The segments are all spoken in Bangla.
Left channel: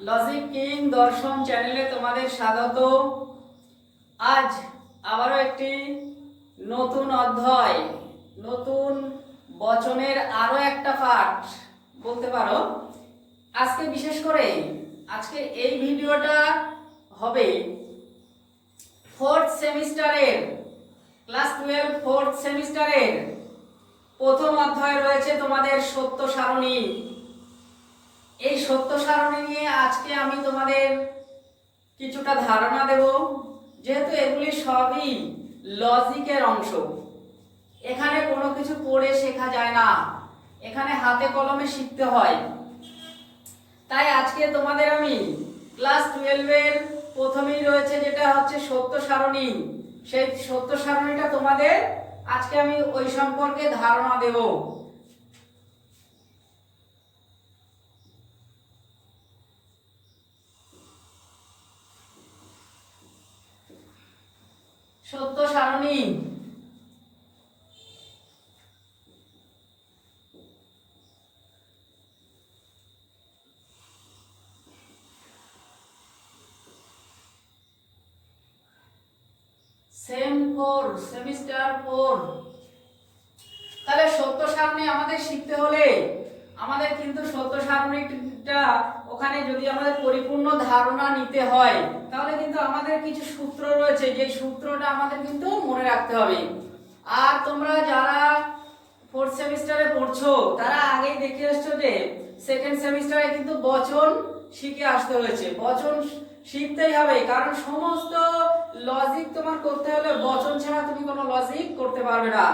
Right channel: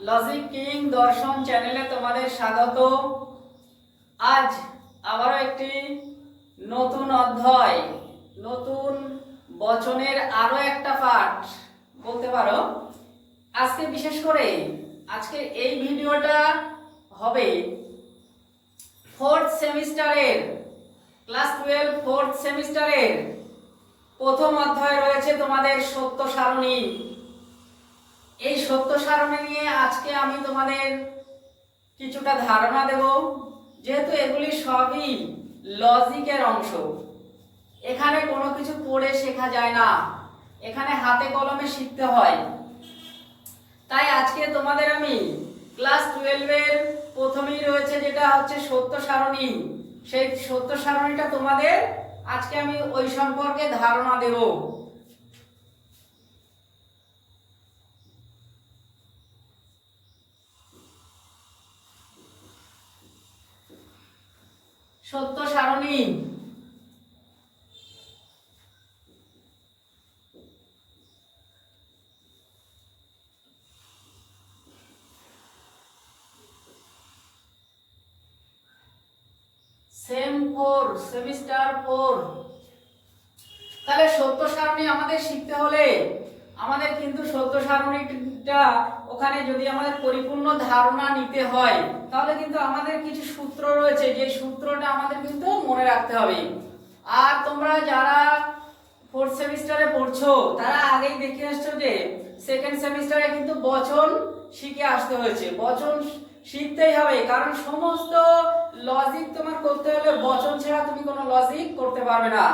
লজিক কিং দর্শন চ্যানেলে তোমাদের স্বাগত। আজ আবারও একটি নতুন অধ্যায়, নতুন বচনের আরও একটা পাঠ বলতে পারো। আজকে বিশেষ করে আজকে এই ভিডিওটা হবে ফোর্থ সেমিস্টারের ক্লাস টুয়েলভ ফোর্থ সেমিস্টারের প্রথম অধ্যায় রয়েছে তোমাদের সত্য সারণী। এই সত্য সারণী নিয়ে আজকে আমি তোমাদের কিছুটা ধারণা দেব। যেহেতু এগুলি সবই লজিকের অংশ, এখানে কোনো কিছু পড়ে শেখা যায় না। এখানে হাতে কলমে শিখতে হয়। তাই আজকে তোমাদের আমি ক্লাস টুয়েলভের প্রথমেই রয়েছে যেটা হচ্ছে সত্য সারণী সেই সত্য সারণীটা তোমাদের আজকে আমি ওই সম্পর্কে ধারণা দেব। সত্য সারণী। সেম ফোর সেমিস্টার ফোর তাহলে সত্য সারণী আমাদের শিখতে হলে, আমাদের কিন্তু সত্য সারণীটা ওখানে যদি আমাদের পরিপূর্ণ ধারণা নিতে হয়, তাহলে কিন্তু আমাদের কিছু সূত্র রয়েছে, যে সূত্রটা আমাদের কিন্তু মনে রাখতে হবে। আর তোমরা যারা ফোর্থ সেমিস্টারে পড়ছো, তারা আগেই দেখে আসছো যে সেকেন্ড সেমিস্টারে কিন্তু বচন শিখে আসতে হয়েছে। বচন শিখতেই হবে, কারণ সমস্ত লজিক তোমার করতে হলে বচন ছাড়া তুমি কোনো লজিক করতে পারবে না।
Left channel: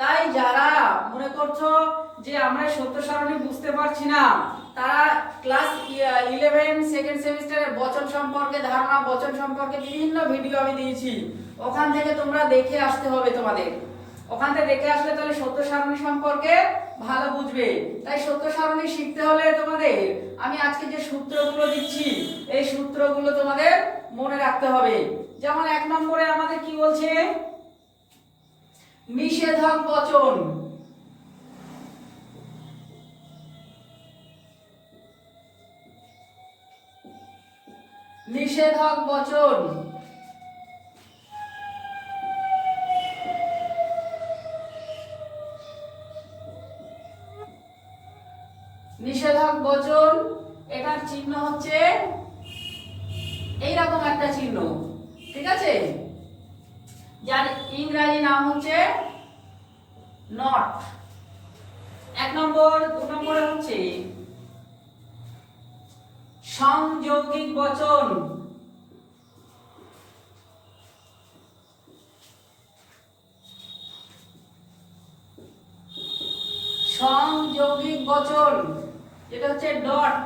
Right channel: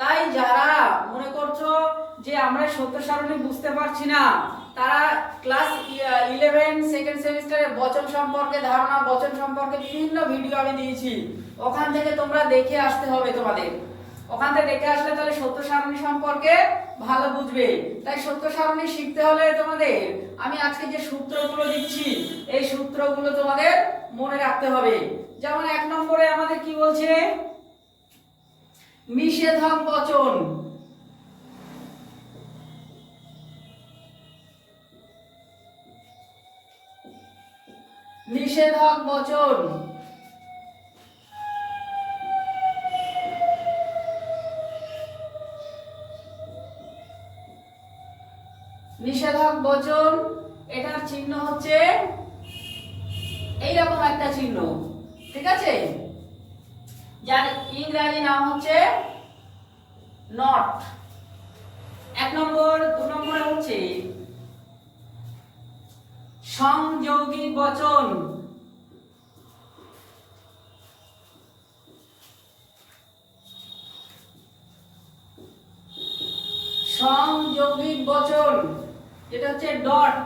তাই যারা মনে করছ যে আমরা সত্য সারণী বুঝতে পারছি না তারা ক্লাস ইলেভেন সেকেন্ড সেমিস্টারের বচন সম্পর্কে ধারণা, বচন সম্পর্কে বিভিন্ন ভিডিও আমি দিয়েছি। ওখান থেকে তোমরা দেখে আসতে হবে তোমাদের। ওখান থেকে দেখে আসলে তাহলে সত্য সারণী সম্পর্কে ভালো বুঝবে। তাই সত্য সারণী শিখতে হলে তোমাদের, আমি আজকে যে সূত্রগুলো দিচ্ছি, এই সূত্রগুলো তোমাদের মনে রাখতে হবে। যেমন এক নম্বরে আমাদের কি বলছে? নিষেধক বচন। নিষেধক বচন। নিষেধক বচন, এটার চিহ্ন হচ্ছে এইরকম একটা চিহ্ন, ঠিক আছে? যার ইংরাজি নাম হচ্ছে নট। এক নম্বর, দু নম্বরে হচ্ছে সংযৌগিক বচন। সংযোগিক বচন যেটা হচ্ছে ডট।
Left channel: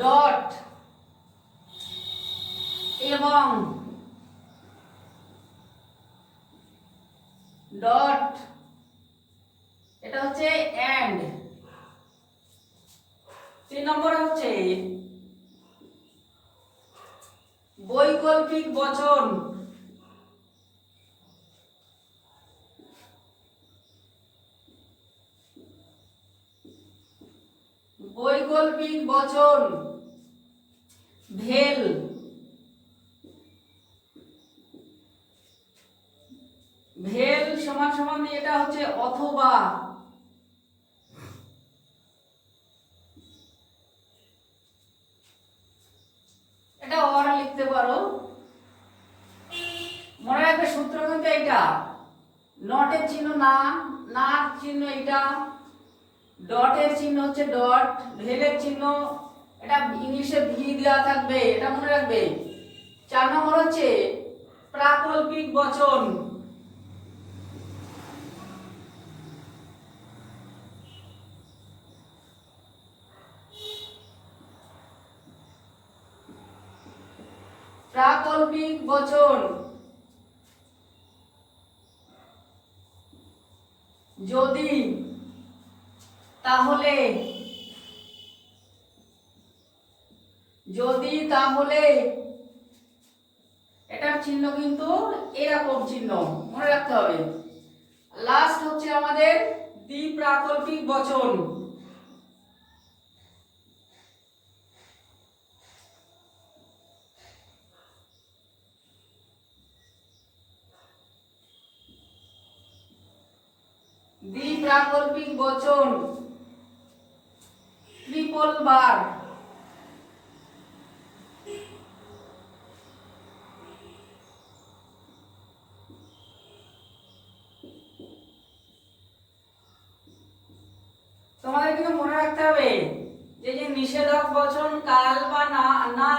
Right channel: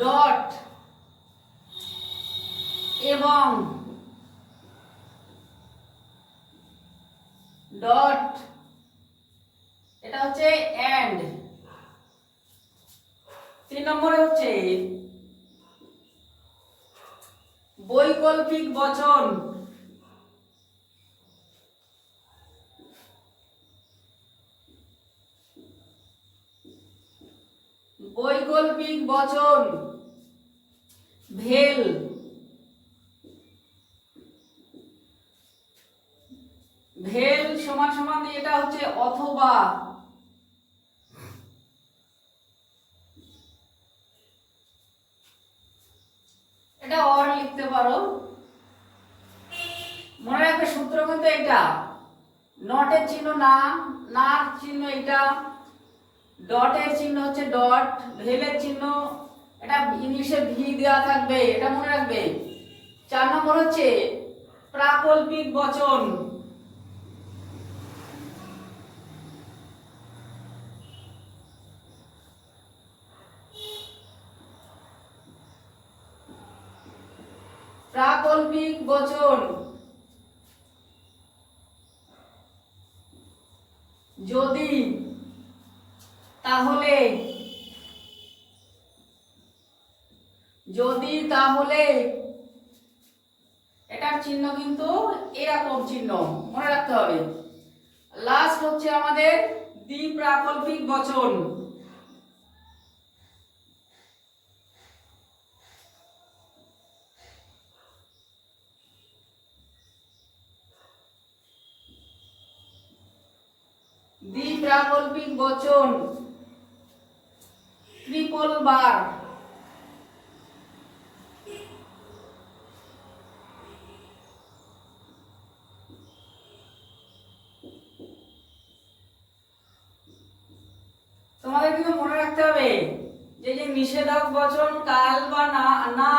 ডট এবং ডট এটা হচ্ছে তিন নম্বরে হচ্ছে বৈকল্পিক বচন। বৈকল্পিক বচন। ভেল। ভেল সমান সমান এটা হচ্ছে অথবা এটা অর লিখতে পারো মনে রাখবে সূত্র কিন্তু এটা নটের চিহ্ন না নার চিহ্ন এটা ডটের চিহ্ন হচ্ছে ডট ভেলের চিহ্ন, এটা ইংলিশে ভি দেওয়া থাকবে, এটা মনে রাখবে। চার নম্বর হচ্ছে প্রাকল্পিক বচন। প্রাকল্পিক বচন যদি তাহলে যদি তাহলে এটার চিহ্ন কিন্তু এরকম চিহ্ন মনে রাখতে হবে লাস্ট হচ্ছে আমাদের দ্বিপ্রাকল্পিক বচন প্রাকল্পিক বচন। Triple bar. তোমাদের মনে রাখতে হবে, যে যে নিষেধক বচন কাল বা না না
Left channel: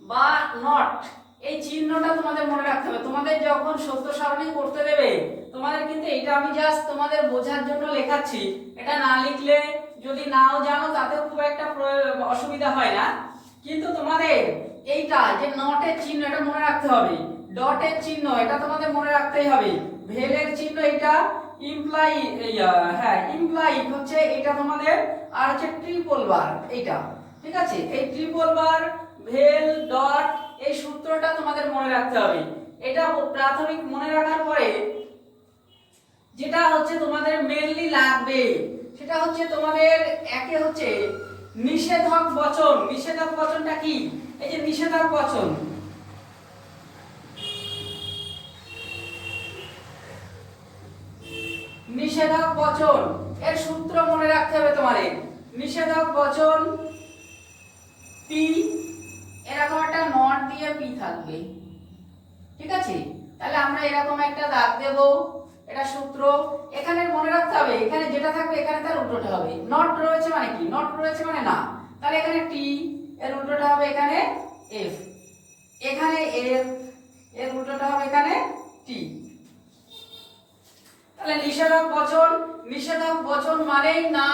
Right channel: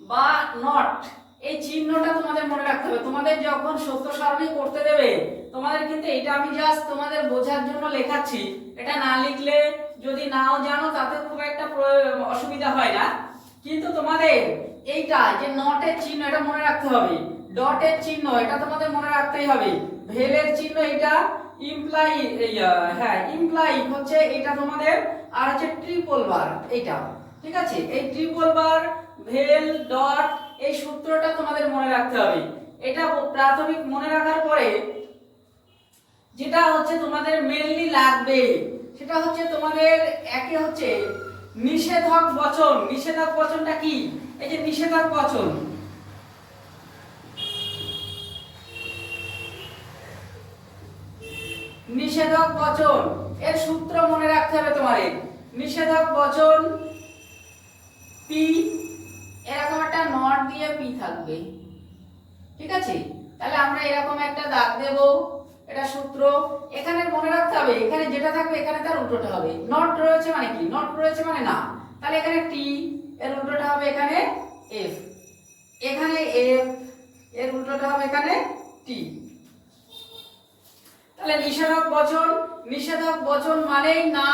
বা নট এই চিহ্নটা তোমাদের মনে রাখতে হবে। তোমাদের যখন সত্য সারণী করতে দেবে, তোমাদের কিন্তু এটা আমি জাস্ট তোমাদের বোঝার জন্য লেখাচ্ছি। এটা না লিখলে যদি নাও জানো, তাতে খুব একটা অসুবিধা হয় না। কিন্তু তোমাদের এইটা যে নটের চিহ্ন, এটা মনে রাখতে হবে। ডটের চিহ্ন, এটা তোমাদের মনে রাখতেই হবে। ভেলের চিহ্ন এটা ইমপ্লাই হ্যাঁ ইমপ্লাই হচ্ছে এটা তোমাদের, আর হচ্ছে ট্রিপল বার এটা ঠিক আছে? এই ট্রিপল বার ভেল ডট এই সূত্রটা তোমাদের মনে রাখতে হবে। এটা প্রাথমিক মনে রাখার পরে যেটা হচ্ছে তোমাদের মেনলি লাগবে, সেটা হচ্ছে তোমাদের একে হচ্ছে নিষেধক বচন। নিষেধক বচনটা কি? এই যে নিষেধক বচন। নিষেধক বচন, এর সূত্র মনে রাখতে হবে তোমাদের। নিষেধক বচন পি এরকম একটা নট দিয়ে পি থাকবে। ঠিক আছে? তাহলে আমরা এরকম একটা দাগ দেব, এটা সূত্র। এখানে মনে রাখতে হবে, এখানে যেটা থাকবে, এখানে তার উল্টোটা হবে। নট রয়েছে মানে কি? নট রয়েছে মানে না। তাহলে এখানে টি এর উল্টোটা হবে এখানে এফ এখানে এফ এর উল্টোটা হবে এখানে টি তাহলে নিষেধক বচন নিষেধক বচন মানেই না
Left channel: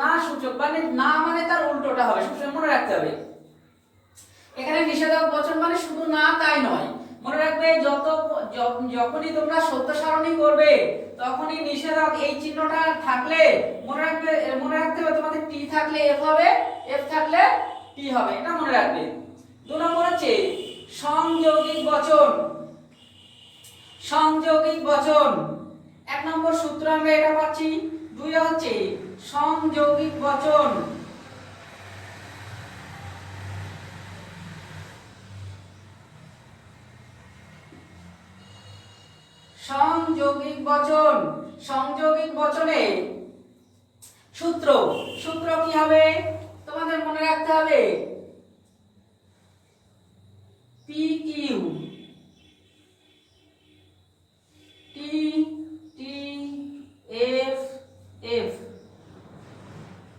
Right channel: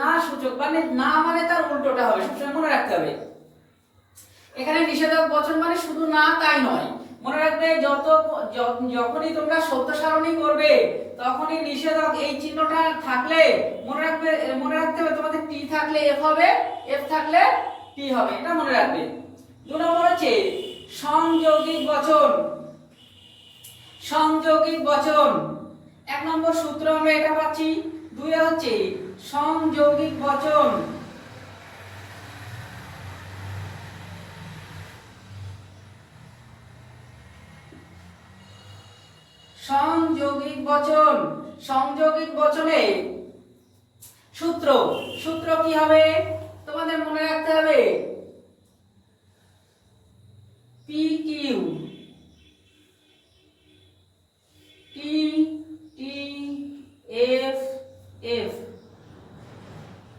না সূচক মানে না মানে তার উল্টোটা হবে। সবসময় মনে রাখতে হবে। এখানে নিষেধক বচন মানে শুধু না, তাই নয়। মনে রাখবে, যত যখনই তোমরা সত্য সারণী করবে, তখনই নিষেধক এই চিহ্নটা থাকলে, মনে রাখবে, মনে রাখতে হবে তোমাদের টি থাকলে এফ হবে এফ থাকলে টি হবে, এটা মনে রাখবে। দু নম্বর হচ্ছে, সংযোগিক বচন। সংযোগিক বচন। এক নম্বর সূত্র আমরা এটা পাচ্ছি। দুই হচ্ছে, সংযোগিক বচন। সংযোগিক বচন, সংযোগিক বচনে। সূত্র সূত্র কি হবে? তোমাদের মনে রাখতে হবে। P T T F F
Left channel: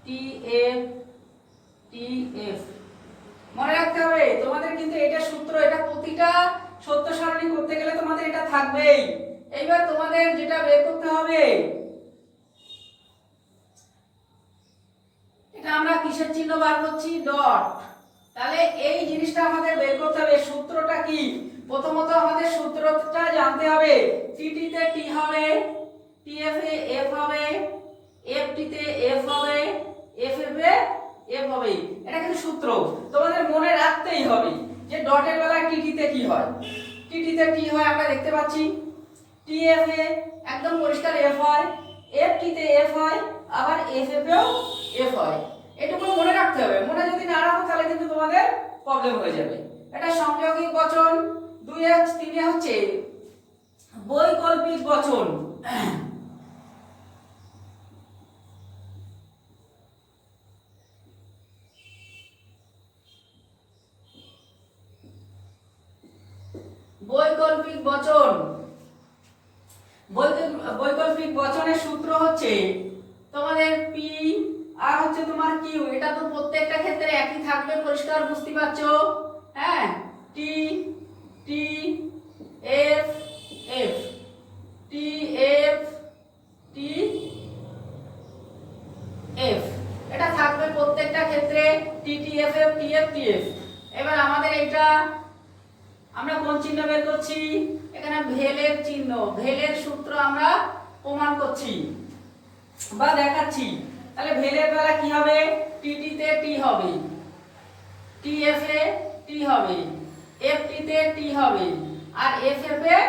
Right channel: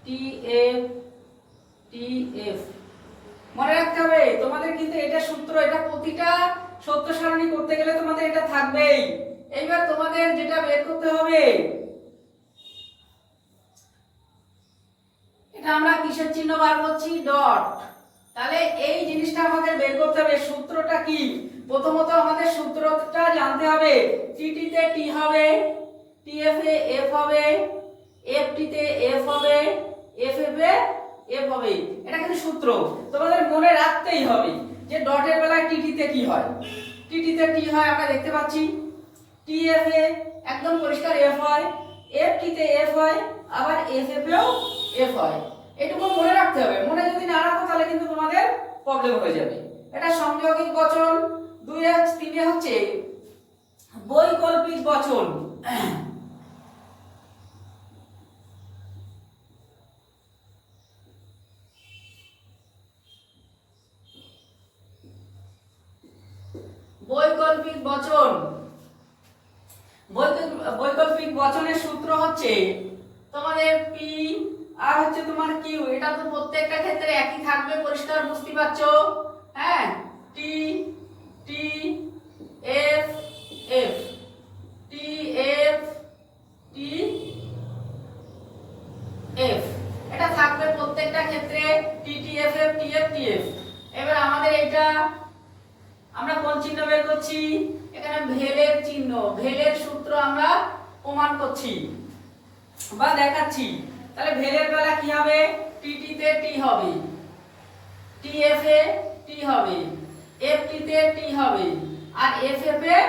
T F T F মনে রাখতে হবে, তোমাদের কিন্তু এটা সূত্র, এটা প্রতিটা সত্য সারণী করতে গেলে তোমাদের এটা থাকবেই। এইবার তোমাদের যেটা বের করতে হবে, এটা আমরা কিসের চিহ্ন বার করছি? ডট। তাহলে এই জিনিসটা আমাদের বের করতে হবে, সূত্রটা কি? প্রথমত আমাদের সূত্রটা জানতে হবে টিটি তে টি হবে টিএফ এ এফ হবে এফ টি তে এফ হবে এফ এফ এ এফ হবে। এটা কিন্তু সূত্র। তোমাদের মনে রাখতেই হবে যে ডটের বেলায় টিটি তে কি হয়? টিটি তে টি হয়, আমরা দেখতে পাচ্ছি। টিএফ এ একদম পরিষ্কার এফ হয় এফ টিতে এফ হয়, আবার এফ এফ এফ হয়। এটুকু মনে রাখতে হবে। মনে যদি না রাখো, তাহলে কিন্তু তোমাদের প্রবলেম হয়ে যাবে। এটা সংযোগিক বচন, দুই এক তিনে হচ্ছে বৈকল্পিক বচন বৈকল্পিক বচন বৈকল- বৈকল্পিক বচনের সূত্র হচ্ছে তোমাদের পি আর হচ্ছে তোমার কিউ এটা তো প্রত্যেকটা ক্ষেত্রে একই থাকবে পরিষ্কার বুঝতে পারছ হ্যাঁ T T F F T F T F এটা থাকবে প্রত্যেকটা ক্ষেত্রে T T F F T F T F এবার আমাদের এটা আমরা কোন চিহ্ন বের করছি? এখানে ভেলের চিহ্ন, ভেলের সূত্র আমরা প্রমাণ করছি বা দেখাচ্ছি। তাহলে ভেলের বেলা কি হবে? টিটি তে টি হবে। টিএফ এ টি হবে। এফটি তে টি হবে। আর এফ এফ এ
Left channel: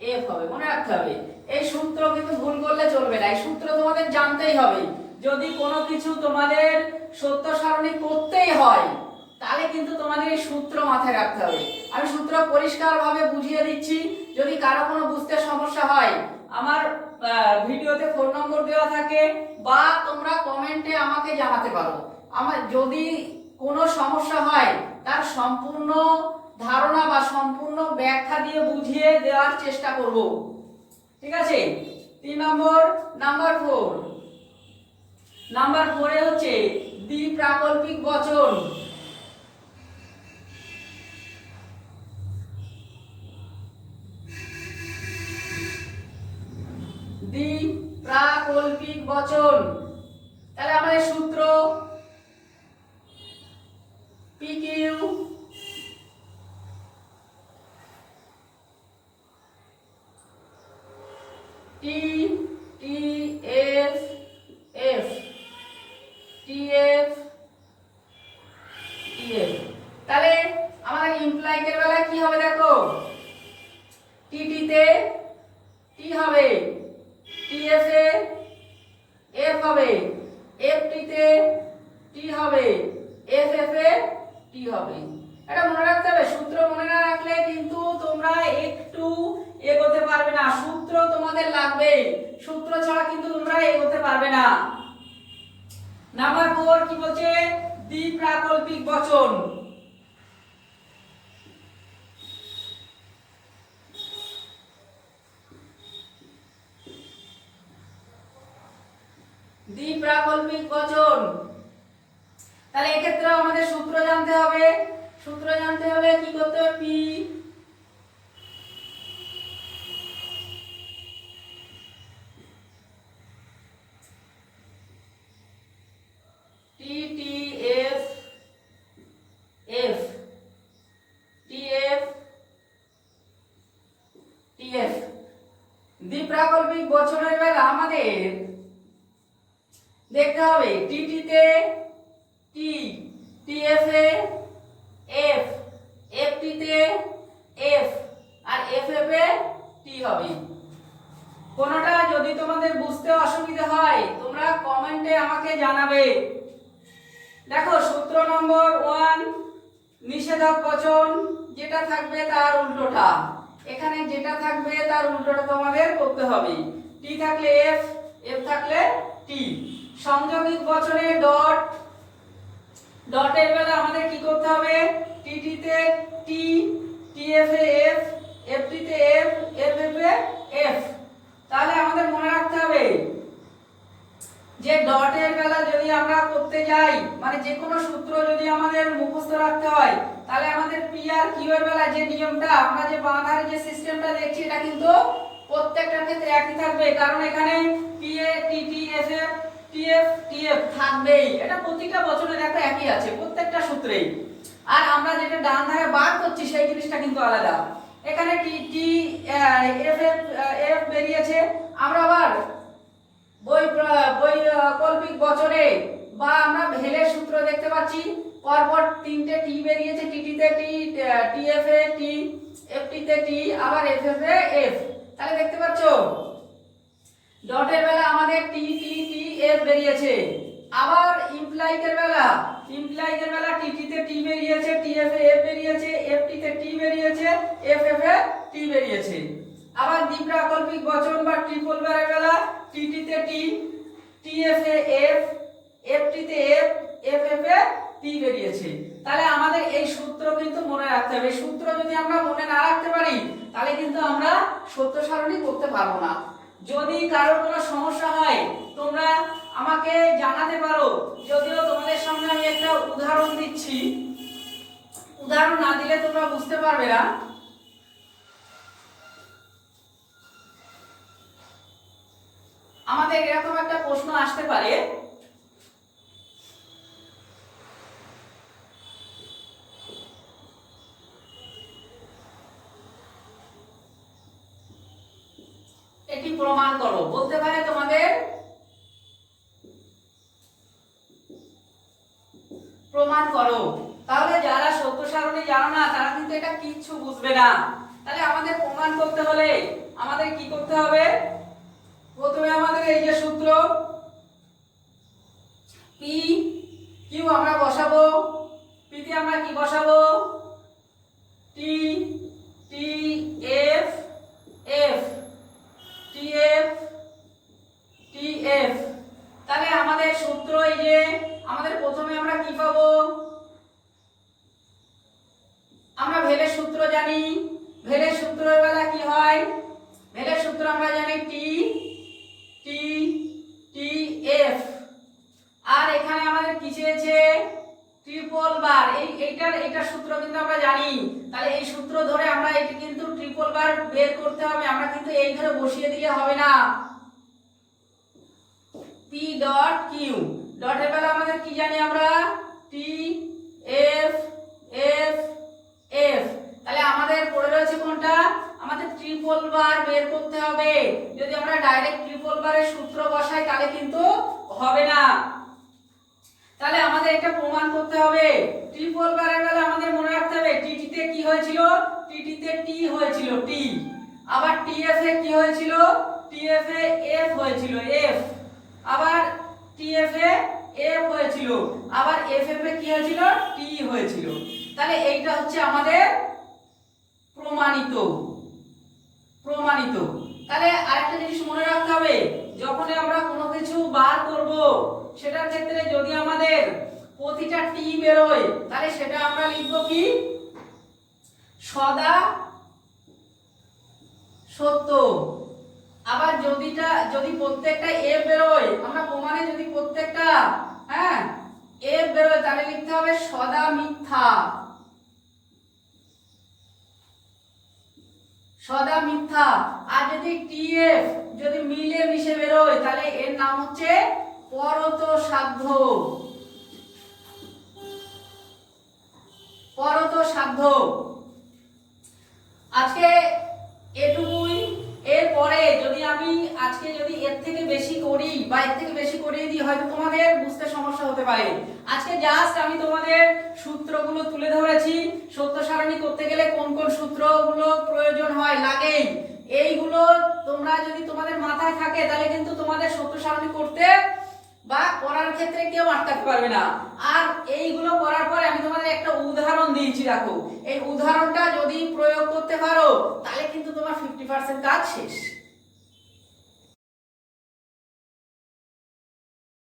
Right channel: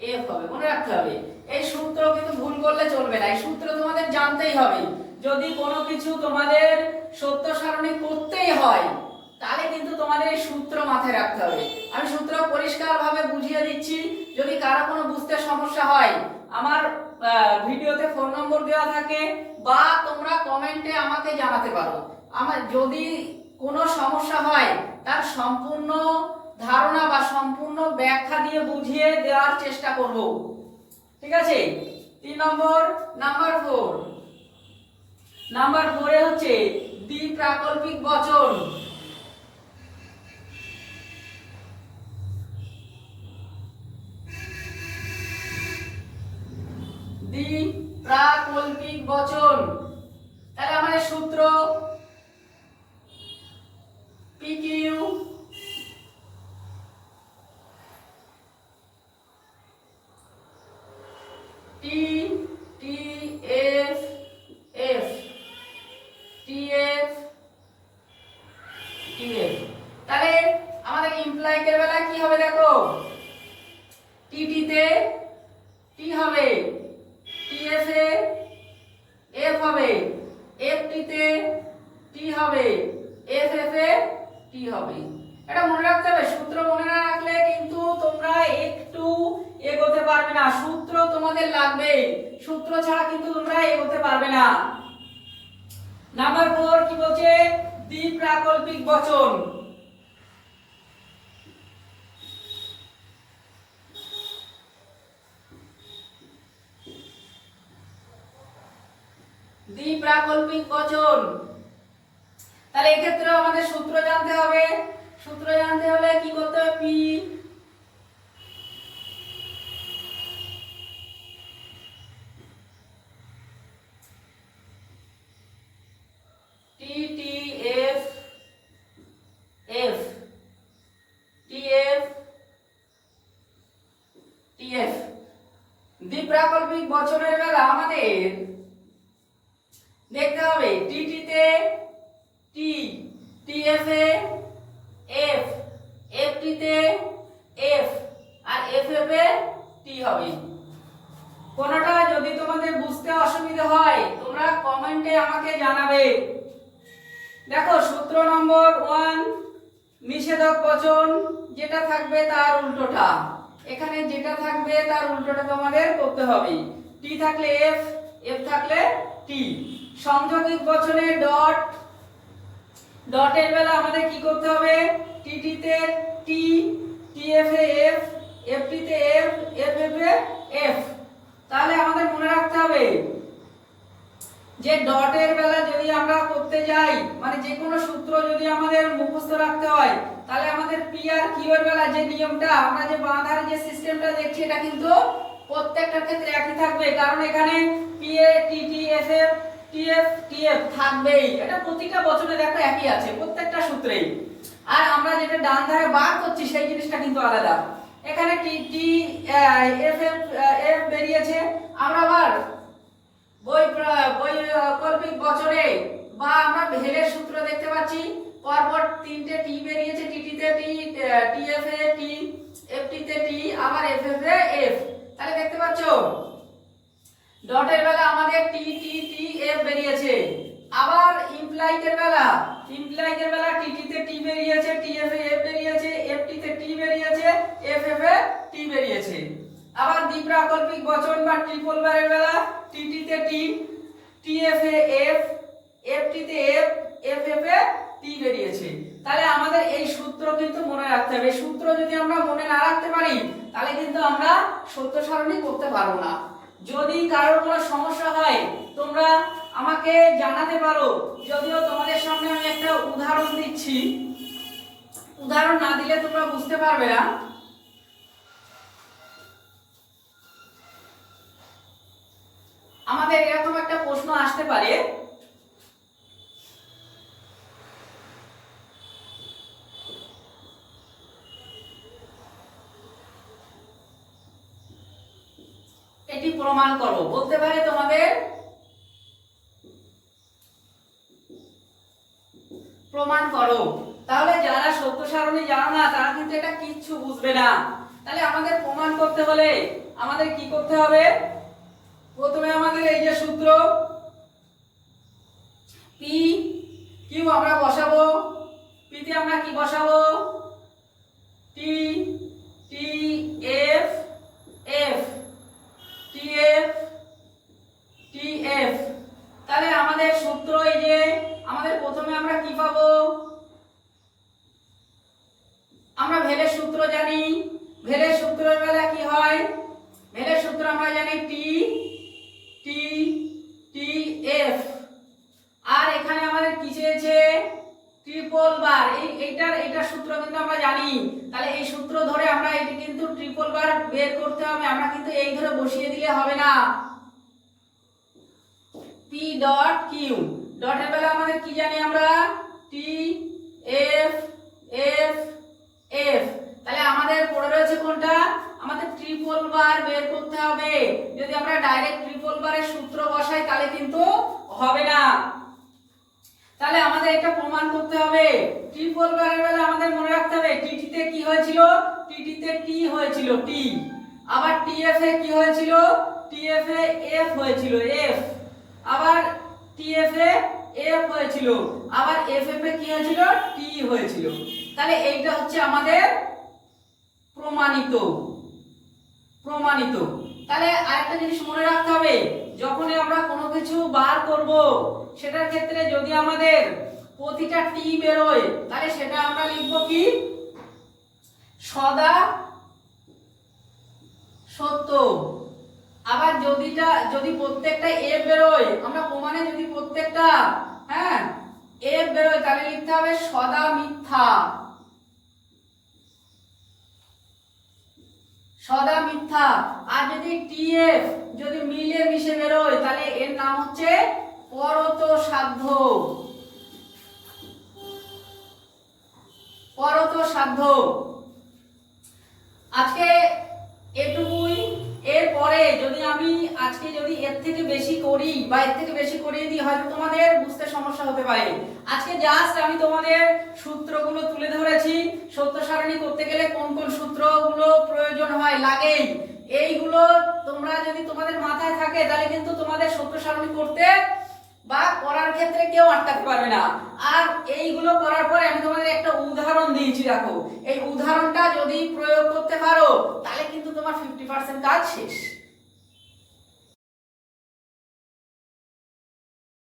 এফ হবে। মনে রাখতে হবে। এই সূত্র কিন্তু ভুল করলে চলবে না। এই সূত্র তোমাদের জানতেই হবে। যদি কোনো কিছু তোমাদের সত্য সারণী করতেই হয় তাহলে কিন্তু তোমাদের এই সূত্র মাথায় রাখতে হবে। আমি সূত্র পরিষ্কারভাবে বুঝিয়ে দিচ্ছি, যদি কারও কোনো বুঝতে সমস্যা হয়, আমার ভিডিওতে ফোন নম্বর দেওয়া থাকে বা তোমরা কমেন্টে আমাকে জানাতে পারো। আমার যদি কোনো সমস্যা হয়, তার সম্পূর্ণ ধারণা বা সম্পূর্ণ ব্যাখ্যা দিয়ে বুঝিয়ে দেওয়ার চেষ্টা করব। ঠিক আছে? তিন নম্বর নাম্বার ফোর নাম্বার ফোরে হচ্ছে দ্বি প্রাকল্পিক বচন। প্রাকল্পিক বচন। তাহলে আমাদের সূত্র টি টি তাহলে আমাদের বেলায় কি হবে দেখো? টি হবে। টি, এফ, এ এফ হবে। এফ টি তে টি হবে। এফ এফ এ টি হবে। এটা মনে রাখতে হবে, সূত্র মনে না রাখলে কিন্তু তোমরা একটু এগোতে পারবে না। সূত্র তোমাদের লাগবে। সূত্র ছাড়া কিন্তু তোমরা এগোতে পারবে না। নাম্বার ফোর কি বলছে? দ্বি প্রাকল্পিক বচন। দ্বি প্রাকল্পিক বচন। তাহলে এক্ষেত্রে আমাদের সূত্র জানতে হবে। সূত্র জানতে হলে কি করতে হবে? পি। দ্বিপ্রাকল্পিক বছরের বেলা আমাদের দেখতে হবে টিটি তে টি টিএফ এ এফ এফ টি তে এফ আর এফ এফ এ টি হবে। কোনটা যদি তোমাদের বুঝতে অসুবিধা হয়, তোমরা কমেন্টে আমাকে জানাবে। দেখো, সূত্র নম্বর ওয়ান, নিষেধক বচন, যেটা থাকবে তার উল্টোটা। এখানে যেটা থাকবে তার উল্টোটা তোমাদের করতে হবে। টি থাকলে এফ এফ থাকলে টি সংযোগিক বচনে ডট ডটের বেলা আমাদের কি করতে হবে? টিটি তে টি টিএফ এ এফ এফটি তে এফ এফ এফ এ এফ তাহলে আমাদের মনে রাখতে হবে যে ডটের বেলা যদি আমরা করতে যাই মানে যে কোনো সূত্র যদি আমাদের মুখস্থ রাখতে হয়, তাহলে আমাদের পি আর কিউ এর বেলা যে নিয়মটা, আমরা যে বাঁধার যে সিস্টেমটা দেখছি, এটা কিন্তু প্রত্যেকটার ক্ষেত্রে একই থাকবে। কারণ এখানে পি এ T T S F T F T F থাকবেই। এটা প্রতিটা বছরে দেখো একই আছে, প্রত্যেকটা সূত্রেই। আর আমরা যেটা ডান ধারে বার করছি, সেই জিনিসটা কিন্তু আলাদা। এখানে T T F F F বেরিয়েছে। আমরা আবার বই বই কল্পিক বছরে বা আমরা ভেলের সূত্র দেখতে পাচ্ছি। পরপর তিনটে টি বেরিয়েছে টিটিতে টি টিএফ এ, টি এফটিতে টি, আবার এফ এফ, এ, এফ। তাহলে দেখতে পাচ্ছো? ডটের বেলা আমাদের টি টি টি, এফ বেরিয়েছে। আবার ইমপ্লাইকের বেলা। ইমপ্লাইকের বেলা টিটিতে টি বেরিয়েছে টিএফ এ, এফ বেরিয়েছে, এফ এফটিতে টি বেরিয়েছে এফ এফ এ টি বেরিয়েছে আবার দ্বিপ্রাকল্পিক বচন বা ট্রিপল বারের বেলা টিটিতে টি টিএফ এ এফ এফটিতে এফ এফ এফ এ টি বেরিয়েছে তাহলে আমাদের এই সূত্র কিন্তু মনে রাখতে হবে এই সূত্র যদি আমরা মনে না রাখতে পারি তাহলে কিন্তু আমরা সত্য সারণী করতে পারব না যদি কারোর কোনো সমস্যা হয় তোমরা আমাকে জানাতে পারো যদিও তোমাদের সামনে আমি একটা উদাহরণ দিচ্ছি উদাহরণ না দিলে তোমরা বুঝতে পারবে না আমাদের এরকম একটা প্রশ্ন আসতে পারে পি, কিউ আমরা বসাবো? পিতে আমরা কি বসাবো? T T, F F. T F T, F. তাহলে আমাদের সূত্র এই যে, আমাদের প্রথমে আমরা কি পাবো? আমরা ভেলের সূত্র জানি। ভেলের সূত্রের বেলা কি হয়? ভেলের সূত্র আমরা জানি টি টি টি, এফ। আর এখানে আমাদের কি চেয়েছে? ট্রিপল বার এই এইটার এইটার সূত্র কিন্তু আমরা জানি। তাহলে এই সূত্র ধরে আমরা এটি কিন্তু ট্রিপল বার বের করতে হবে। আমরা কিন্তু এই ধরে বসিয়ে দিলে হবে না। পি ডট কিউ ডটের বেলা আমাদের কি জানি আমরা? টি এফ এফ এফ তাহলে আমাদের পড়ে রয়েছে কোনটা? আমাদের ট্রিপল বার বের করতে হবে। যদি আমরা ডাইরেক্ট ট্রিপল বারের সূত্র বসাই, তাহলে কিন্তু হবে না। তাহলে আমাদের এটা প্রমাণ করতে হবে। ট্রিপল বারের বেলা আমাদের মনে রাখতে হবে টিটিতে কি হয়েছিল? টিটিতে টি হয়েছিল টি আবার টি টিএফ এ কি হয়েছিল? টি টিএফ এ এফ হয়েছিল এফ আবার টি টিএফ এ এফ হয়েছিল, আবার এফ এফ এ কি হয়েছিল? টি হয়েছিল। তাহলে এইটা হচ্ছে আমাদের প্রমাণিত। প্রমাণিত। তাহলে আরেকটা জিনিস মনে রাখতে হবে যখন আমরা কোনো কিছু বার করব, সেটার ক্ষেত্রে যদি আমাদের প্রতিটা টি বেরোয়, তাহলে সেটা আমরা লিখব কি? সদা সত্য। আবার যদিটা, যদি প্রত্যেকটা এফ বেরোয়, আমরা প্রমাণে যদি প্রত্যেকটা হ্যাঁ এফ বেরোয়, তাহলে লিখতে হবে সদা মিথ্যা। সদা মিথ্যা। আর যদি টিএফ যদি মিলে মিশে বেরোয়, তাহলে এর নাম হচ্ছে পরত সাধ্য। পরত সাধ্য। আজকে এটুকুই। এরপরে যদি আমি আজকে বেশি করি বা এর থেকে বেশি করিয়ে দিই, হয়তো তোমাদের বুঝতে সমস্যা হতে পারে। আজকে জাস্ট আমি তোমাদের সূত্রগুলো তুলে ধরেছি। সত্য সারণী করতে গেলে কোন কোন সূত্রগুলো প্রয়োজন হয় লাগেই এইগুলো তোমরা যদি তোমাদের মাথায় থাকে, তাহলে কিন্তু তোমাদের সত্য সারণী করতে বা করার ক্ষেত্রে কেউ আটকাতে পারবে না। আর এইগুলো করার পরে আমি তোমাদের একটা উদাহরণ দিয়েছি, দেখো। এই উদাহরণটা যদি প্রয়োগ করতে পারো, তাহলে কিন্তু তোমার ফিফটি পার্সেন্ট কাজ শেষ।